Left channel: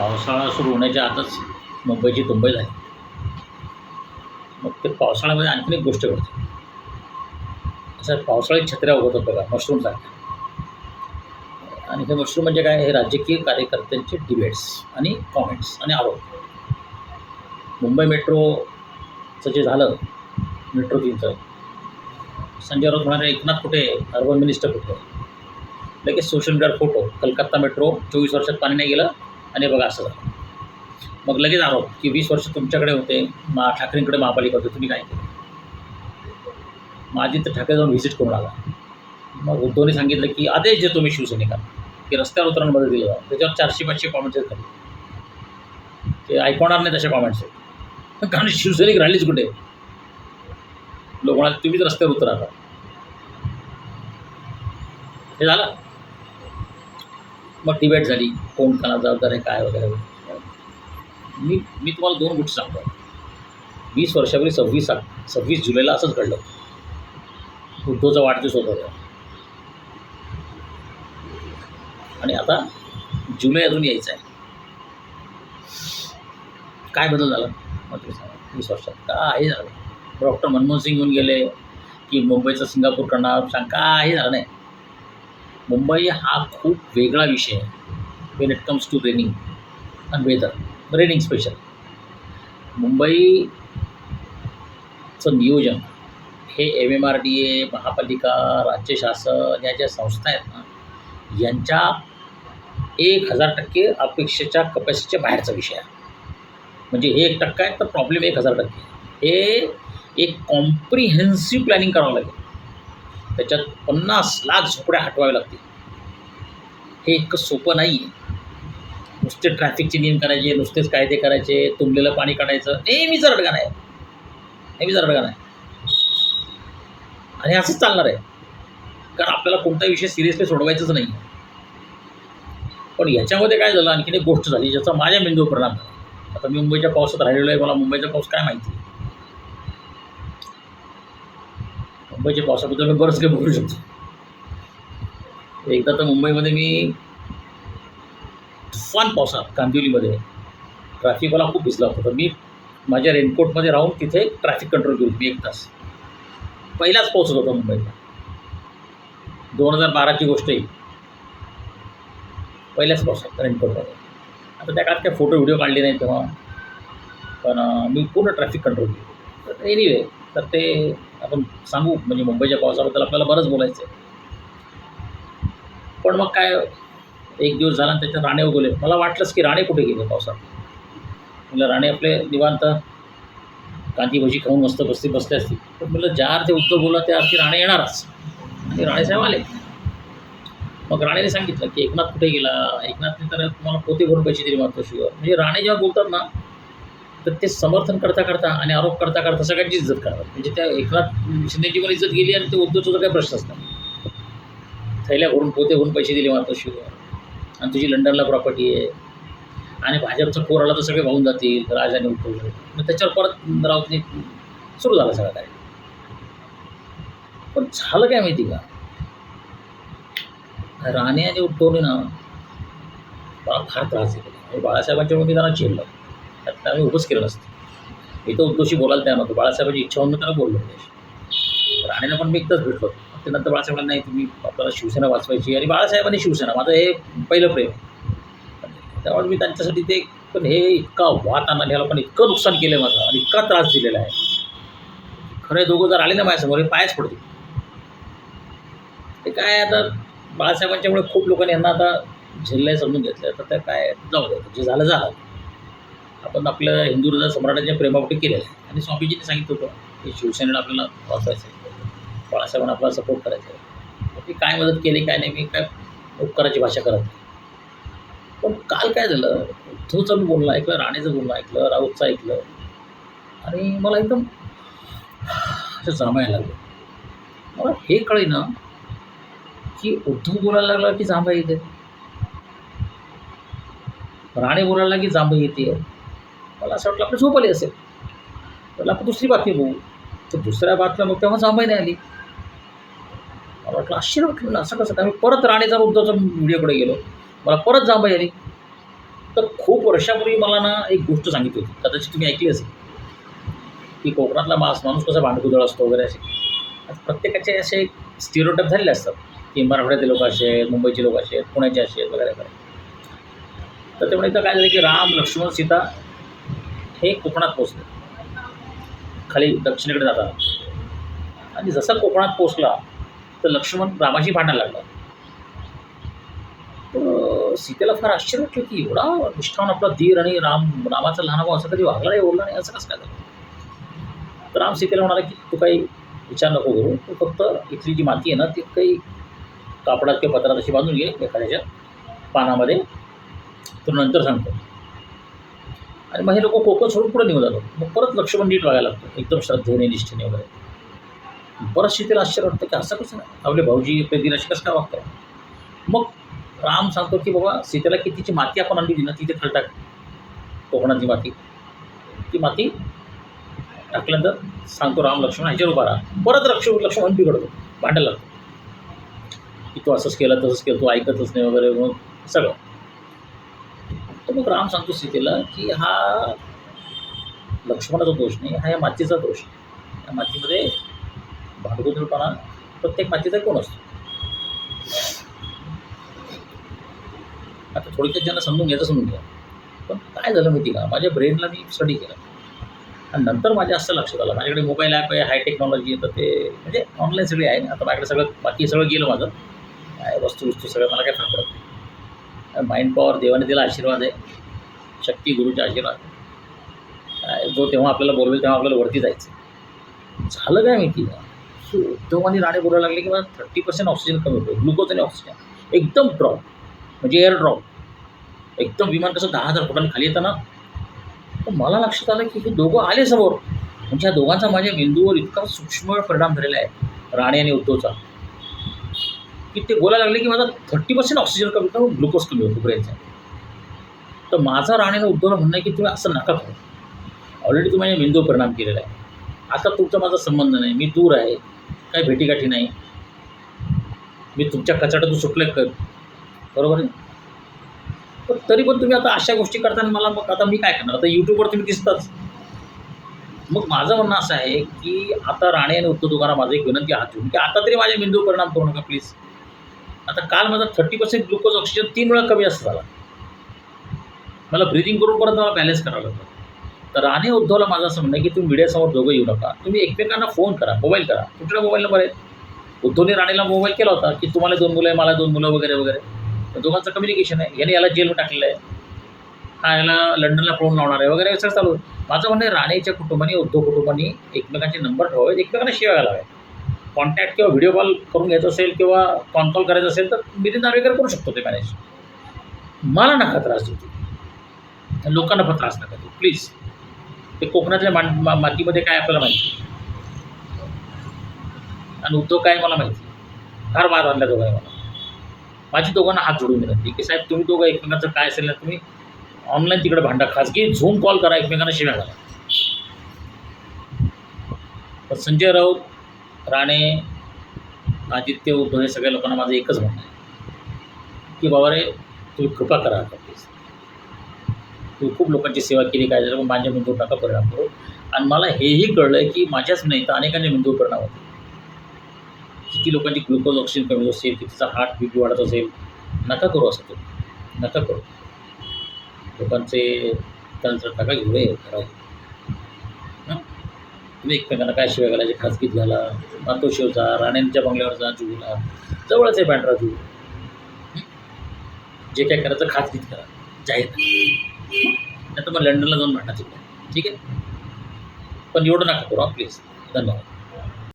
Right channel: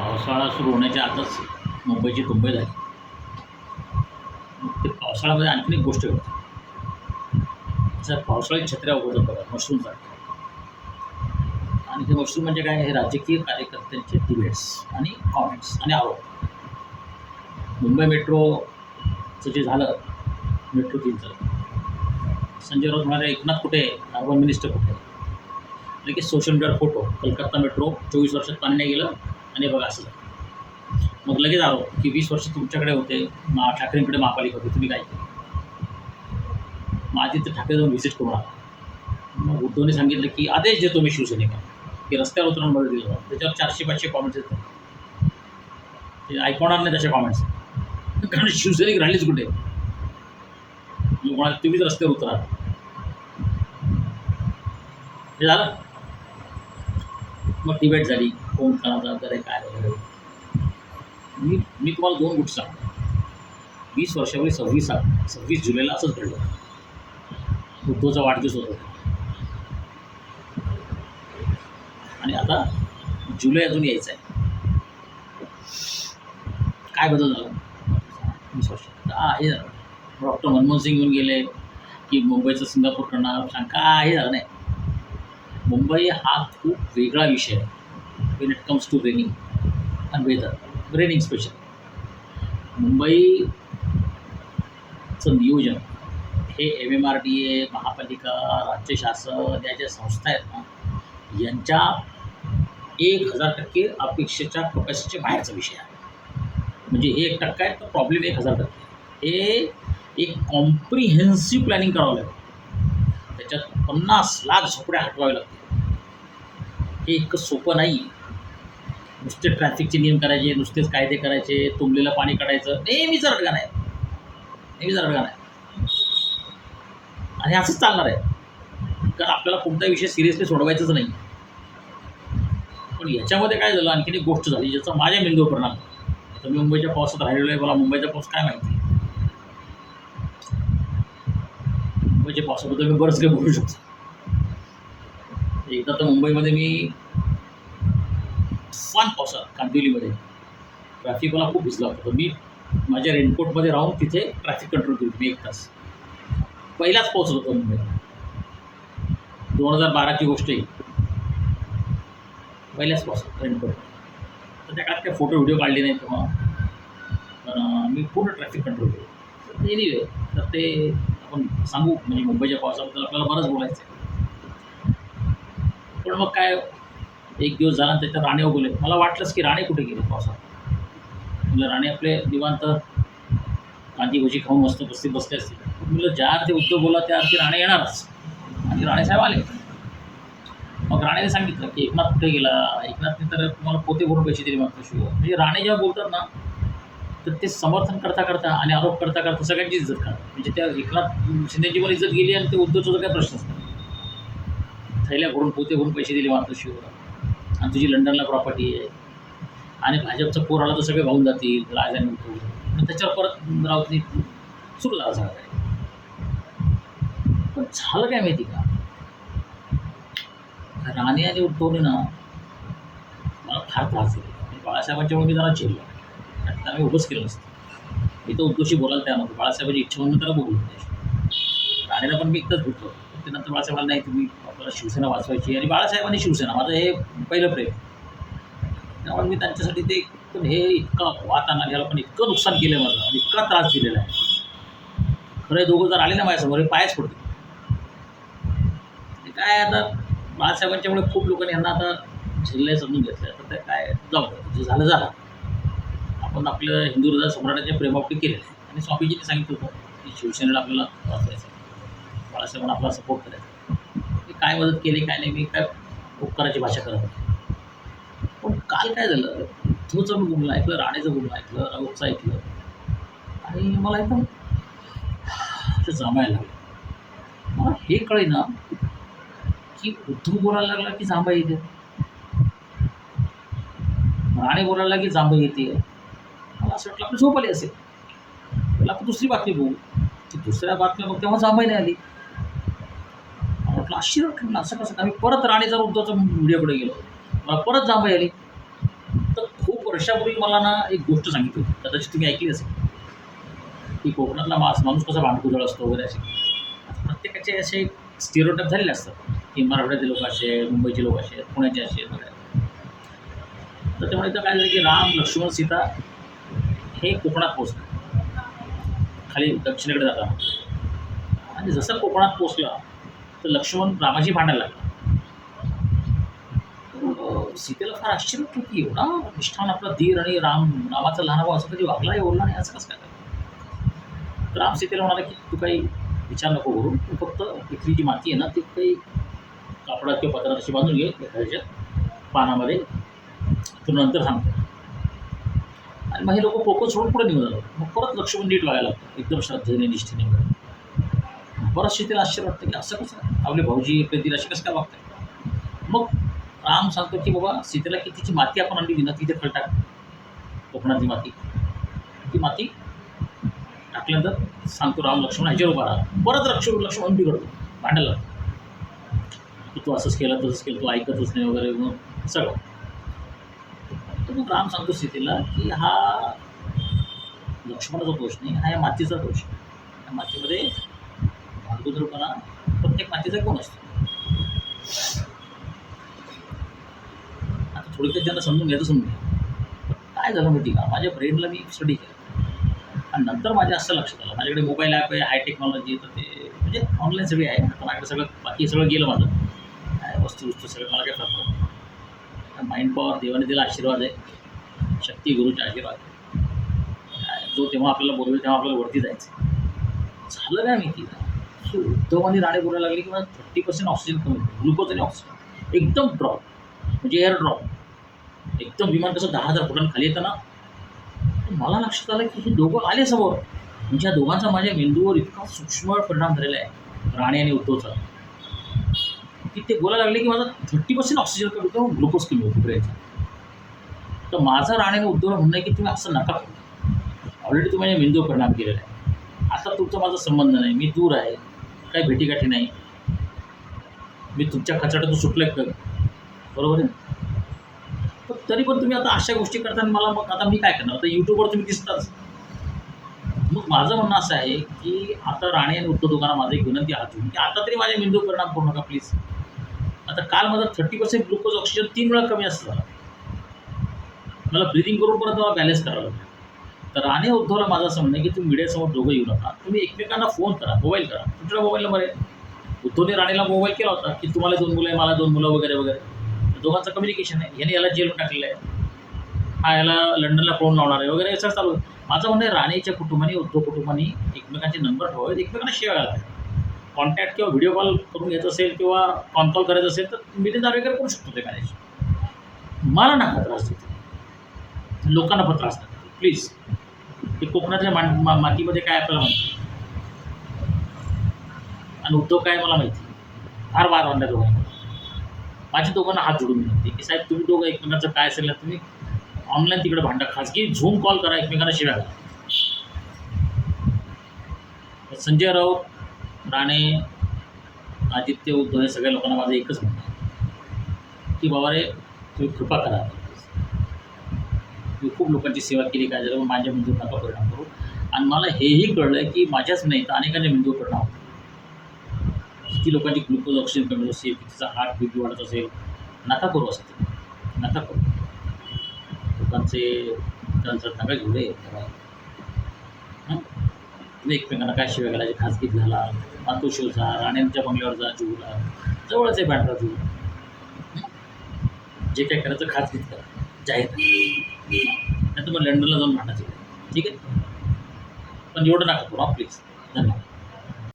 पावसाळा सुरू होण्याच्या आतच मुंबईची तुंबई झाली. मग ते पावसाळ्यामध्ये आणखीन एक गोष्ट घडते. असं पावसाळी छत्र्या उगवतात बघा मशरूमसारख्या आणि हे मशरूम म्हणजे काय? हे राजकीय कार्यकर्त्यांचे डिबेट्स आणि कॉमेंट्स आणि आरोप. मुंबई मेट्रोचं जे झालं मेट्रो तीनचं संजय राऊत म्हणाले एकनाथ कुठे अर्बन मिनिस्टर कुठे लगेच सोशल मीडियावर फोटो कलकत्ता मेट्रो चोवीस वर्षात पाणी नाही गेलं आणि बघा असं झालं. मग लगेच आरोप की वीस वर्ष तुमच्याकडे होते मा ठाकरेंकडे महापालिका होते तुम्ही काय केलं? माझी तर ठाकरे जाऊन व्हिजिट करून आला. मग उद्धवने सांगितलं की आदेश देतो मी शिवसैनिकांना की रस्त्यावर उतरणं मदत दिलं जातं त्याच्यावर चारशे पाचशे कॉमेंट्स आहेत. ते ऐकवणार नाही तसे कॉमेंट्स आहेत. कारण शिवसैनिक राहिलीच कुठे लोक म्हणाले तुम्हीच रस्त्यावर उतरा हे झालं? मग डिबेट झाली. कोण कोणा जबाबदार आहे काय वगैरे. मी मी तुम्हाला दोन गोष्टी सांगतो. वीस वर्षापूर्वी सव्वीस सव्वीस जुलैला असंच घडलं. उद्धवचा वाढदिवस होता तेव्हा. आणि आता जुलै अजून यायचं आहे काय बदल झाला? मग सांगा, वीस वर्षात. काही झालं डॉक्टर मनमोहन सिंग येऊन गेले की मुंबईचं सिंगापूर करणार सांग काही झालं नाही. मुंबई हा खूप वेगळा विषय आहे when it comes to raining आणि वेदर रेनिंग स्पेशल मुंबईचं नियोजन हे M M R D A महापालिका राज्य शासन या ज्या संस्था आहेत ना यांच्या एक हजार टक्के अपेक्षेच्या कपॅसिटीच्या बाहेरचा विषय आहे. म्हणजे हे एक टक्का आहे तर प्रॉब्लेम एक हजार टक्के हे एक कॉम्प्रिहेन्सिव्ह प्लॅनिंग करावं लागेल. त्याच्यात पन्नास लाख झोपड्या हटवाव्या लागतील. हे इतकं सोपं नाही. आहे नुसते ट्रॅफिकचे नियम करायचे नुसतेच कायदे करायचे तुंबलेलं पाणी काढायचं. नेहमीच रडगाण आहे. नेहमीच रडगाण आहे. आणि असंच चालणार आहे. कारण आपल्याला कोणताही विषय सिरियसली सोडवायचाच नाही. पण याच्यामध्ये काय झालं? आणखीन एक गोष्ट झाली ज्याचा माझ्या मेंदूवर परिणाम झाला. आता मी मुंबईच्या पावसात राहिलेलो आहे. मला मुंबईचा पाऊस काय माहिती? आहे मुंबईच्या पावसाबद्दल मी बरंच काही बोलू शकतो. एकदा तर मुंबईमध्ये मी तुफान पावसात कांदिवलीमध्ये ट्रॅफिकवाला खूप भिजला होता. तर मी माझ्या रेनकोटमध्ये राहून तिथे ट्रॅफिक कंट्रोल केली मी एक तास. पहिलाच पाऊस होता मुंबईत. दोन हजार बाराची गोष्ट आहे पहिल्याच पावसात रेनकोटमध्ये आता त्या काळात काही फोटो व्हिडिओ काढले नाही तेव्हा. पण मी पूर्ण ट्रॅफिक कंट्रोल केली. तर एनिवे तर ते आपण सांगू म्हणजे मुंबईच्या पावसाबद्दल आपल्याला बरंच बोलायचं आहे पण मग काय एक दिवस झाला आणि त्याच्यात राणे उगवले. मला वाटलंच की राणे कुठे गेले पावसात? म्हणलं राणे आपले निवांत कांदी भजी खाऊन मस्त बसती बसले असतील. पण म्हणलं ज्या अर्थी उद्धव बोला त्या अर्थी राणे येणारच. आणि राणेसाहेब आले. मग राणेने सांगितलं की एकनाथ कुठे गेला? एकनाथने तर तुम्हाला पोते भरून पैसे दिले मातोश्रीवर म्हणजे राणे जेव्हा बोलतात ना तर ते समर्थन करता करता आणि आरोप करता करता सगळ्यांची इज्जत करतात. म्हणजे त्या एकनाथ शिंदेची पण इज्जत गेली आणि ते उद्धवचा काही प्रश्नच नाही. थैल्या भरून पोते भरून पैसे दिले मातोश्रीवर आणि तुझी लंडनला प्रॉपर्टी आहे. आणि भाजपचं पोर आला तर सगळे वाहून जातील राज आणि मग त्याच्यावर परत राऊतने सुरू झाला सगळं काय पण झालं काय माहिती का? राणे आणि उद्धवने ना मला फार त्रास दिलेला म्हणजे बाळासाहेबांच्यामुळे मी त्यांना झेललं त्यात आम्ही उभंच केलं नसतं मी तर उद्धवशी बोलायला तयार नव्हतो. बाळासाहेबांची इच्छा होऊन त्याला बोललो त्याशी राणेला पण मी एकदाच भेटलो. होतो ते नंतर बाळासाहेबांना नाही तुम्ही आपल्याला शिवसेना वाचवायची आणि बाळासाहेबांनी शिवसेना माझं हे पहिलं प्रेम. त्यामुळे मी त्यांच्यासाठी ते पण हे इतका वात आणला ह्याला पण इतकं नुकसान केलं आहे माझं आणि इतका त्रास दिलेला आहे. खरं दोघं जर आले ना माझ्यासमोर हे पायच पडतो ते काय आता बाळासाहेबांच्यामुळे खूप लोकांनी यांना आता झेललंय समजून घेतलं तर ते काय जाऊ द्या जे झालं झालं. आपण आपलं हिंदू हृदय सम्राटाच्या प्रेमापोटी केलेलं आहे. आणि स्वामीजीने सांगितलं होतं की शिवसेनेला आपल्याला वाचवायचं आहे. बाळासाहेबांना आपला सपोर्ट करायचा आहे. मी काय मदत केली काय नाही मी काय उपकाराची भाषा करत नाही. पण काल काय झालं? उद्धवचं मी बोलणं ऐकलं राणेचं बोलणं ऐकलं राऊतचं ऐकलं. आणि मला एकदम असं जामायला लागलं. मला हे कळेना की उद्धव बोलायला लागला की जांभा येते? राणे बोलायला की जांभा येते? मला असं वाटलं आपली झोप आली असेल. म्हटलं आपण दुसरी बातमी बघू. तर दुसऱ्या बातम्या मग तेव्हा जांभई नाही आली. मला वाटलं आश्चर्य वाटलं. असं कसं? काय मी परत राणेचा उद्धवचा व्हिडिओकडे गेलो. मला परत जांभई आली. तर खूप वर्षापूर्वी मला ना एक गोष्ट सांगितली होती. कदाचित तुम्ही ऐकली असेल. की कोकणातला मास माणूस कसा भांडकुदळ असतो वगैरे असे. प्रत्येकाचे असे स्टिरोटाईप झालेले असतात. की मराठवाड्याचे लोक असे आहेत मुंबईचे लोक असे आहेत पुण्याचे असे आहेत वगैरे वगैरे. तर त्यामुळे इथं काय झालं की राम लक्ष्मण सीता हे कोकणात पोचलं खाली दक्षिणेकडे जाताना. आणि जसा कोकणात पोचला तर लक्ष्मण रामाशी भांडायला लागला. सीतेला फार आश्चर्य वाटलं की एवढा निष्ठावून आपला धीर आणि राम रामाचा लहान भाऊ असं कधी वागला नाही बोलला नाही असं कसं काय झालं? तर राम सीतेला म्हणाला की तू काही विचार नको करू. तू फक्त इथली जी माती आहे ना ती काही कापडात किंवा पत्रात अशी बांधून घे एखाद्याच्या पानामध्ये. तो नंतर सांगतो. आणि मग हे लोक कोकण सोडून पुढे निघून जातात. मग परत लक्ष्मण नीट वागायला लागतो. एकदम श्रद्धेने निष्ठेने वगैरे. परत सीतेला आश्चर्य वाटतं की असं कसं आपले भाऊजी आपले दीर असे कसं काय वागताय मग राम सांगतो की बाबा सीतेला कितीची माती आपण आणली ना तिथे खळ टाक. कोकणातली माती. ती माती टाकल्यानंतर सांगतो राम लक्ष्मण ह्याच्यावर उभा राहा. परत लक्ष्मण लक्ष्मण बिघडतो. भांडायला लागतो. की तू असंच केलं तसंच केलं तू ऐकतच नाही वगैरे मग सगळं. तर मग राम सांगतो सीतेला की हा लक्ष्मणाचा दोष नाही हा या मातीचा दोष आहे या मातीमध्ये भांडकुदळपणा प्रत्येक मातीचा कोण असतो. आता थोडक्यात ज्यांना समजून घ्यायचं समजून घ्या. पण काय झालं माहिती का? माझ्या ब्रेनला मी स्टडी केलं. आणि नंतर माझ्या असं लक्षात आलं. माझ्याकडे मोबाईल ॲप आहे हाय टेक्नॉलॉजी आहे तर ते म्हणजे ऑनलाईन सगळे आहे. आता माझ्याकडे सगळं बाकी सगळं गेलं माझं. काय वस्तू वस्तू सगळं मला काय फरक पडत नाही. माइंड पॉवर देवाने दिला आशीर्वाद आहे. शक्ती गुरुचा आशीर्वाद जो तेव्हा आपल्याला बोलवेल तेव्हा आपल्याला वरती जायचं झालं काय माहिती? का उद्धव आणि राणे बोलायला लागले की मला थर्टी पर्सेंट ऑक्सिजन कमी होतो. ग्लुकोज आणि ऑक्सिजन एकदम ड्रॉप म्हणजे एअर ड्रॉप एकदम विमान कसं दहा हजार फुटांनी खाली येतं ना तर मला लक्षात आलं की हे दोघं आले समोर. म्हणजे या दोघांचा माझ्या मेंदूवर इतका सूक्ष्म परिणाम झालेला आहे. राणे आणि उद्धवचा. की ते बोलायला लागले की माझा थर्टी पर्सेंट ऑक्सिजन कमी होतो ग्लुकोज कमी होतो ब्रेनचा तर माझा राणेनं आणि उद्धवला म्हणणं आहे की तुम्ही असं नका करू. ऑलरेडी तुम्ही माझ्या मेंदूवर परिणाम केलेला आहे. आता तुमचा माझा संबंध नाही मी दूर आहे काही भेटीगाठी नाही. मी तुमच्या कचाट्यातून सुटले कर बरोबर आहे पण तरी पण तुम्ही आता अशा गोष्टी करताना मला मग आता मी काय करणार? आता यूट्यूबवर तुम्ही दिसताच. मग माझं म्हणणं असं आहे की आता राणे आणि उद्धव दुकाना माझं एक विनंती हात की आता तरी माझ्या मेंदू परिणाम करू नका प्लीज आता काल माझा थर्टी पर्सेंट ग्लुकोज ऑक्सिजन तीन वेळा कमी असं झाला. मला ब्रिदिंग करून परत मला बॅलेन्स करावं लागलं. तर राणे उद्धवला माझं असं म्हणणं आहे की तुम्ही मीडियासमोर दोघं येऊ नका. तुम्ही एकमेकांना फोन करा मोबाईल करा. तुमच्याकडे मोबाईल नंबर आहे. उद्धवने राणेला मोबाईल केला होता की तुम्हाला दोन मुलं आहे मला दोन मुलं वगैरे वगैरे. दोघांचं कम्युनिकेशन आहे. याने याला जेलमध्ये टाकलेलं आहे. हा याला लंडनला पळून लावणार आहे वगैरे असं चालू आहे. माझं म्हणणं आहे राणेच्या कुटुंबाने उद्धव कुटुंबाने एकमेकांचे नंबर ठेवावेत एकमेकांना शिवाय घालाव्यात. कॉन्टॅक्ट किंवा व्हिडिओ कॉल करून घ्यायचं असेल किंवा कॉन कॉल करायचं असेल तर मिलिंद नार्वेकर करू शकतो ते मॅनेज मला नका त्रास देतो लोकांना पण त्रास नका देऊ. प्लीज ते कोकणातल्या मा मा मातीमध्ये काय आपल्याला माहिती आणि उद्धव काय मला माहिती फार वाद आणल्या दोघांनी मला. माझी दोघांना हात जोडून विनंती की साहेब तुम्ही दोघं एकमेकांचं काय असेल ना तुम्ही ऑनलाईन तिकडे भांडा खाजगी झूम कॉल करा एकमेकांना शिव्या घाला. पण संजय राऊत राणे आदित्य उद्धव हे सगळ्या लोकांना माझं एकच म्हणणं आहे. की बाबा रे तुम्ही कृपा करा आता. तुम्ही खूप लोकांची सेवा केली काय झालं पण माझ्या मेंदूवर नका परिणाम करू. आणि मला हेही कळलं आहे की माझ्याच नाही तर अनेकांच्या मेंदूवर परिणाम होतो. किती लोकांची ग्लुकोज ऑक्सिजन कमी होत असेल कितीचा हार्ट बी पी वाढत असेल नका करू असं तुम्ही नका करू. लोकांचे त्यांचं नका घेऊ रे खरं तुम्ही एकमेकांना काय शिवाय घालायचे? खाजगीत घाला मातोशिवचा राण्यांच्या बंगल्यावर जा जुला जवळच आहे पांढरा जू जे काय करायचं खासगीत करा. जाहीर नाही तर मग लंडनला जाऊन भांडा तिकडे ठीक आहे? पण एवढं नका करू प्लीज धन्यवाद.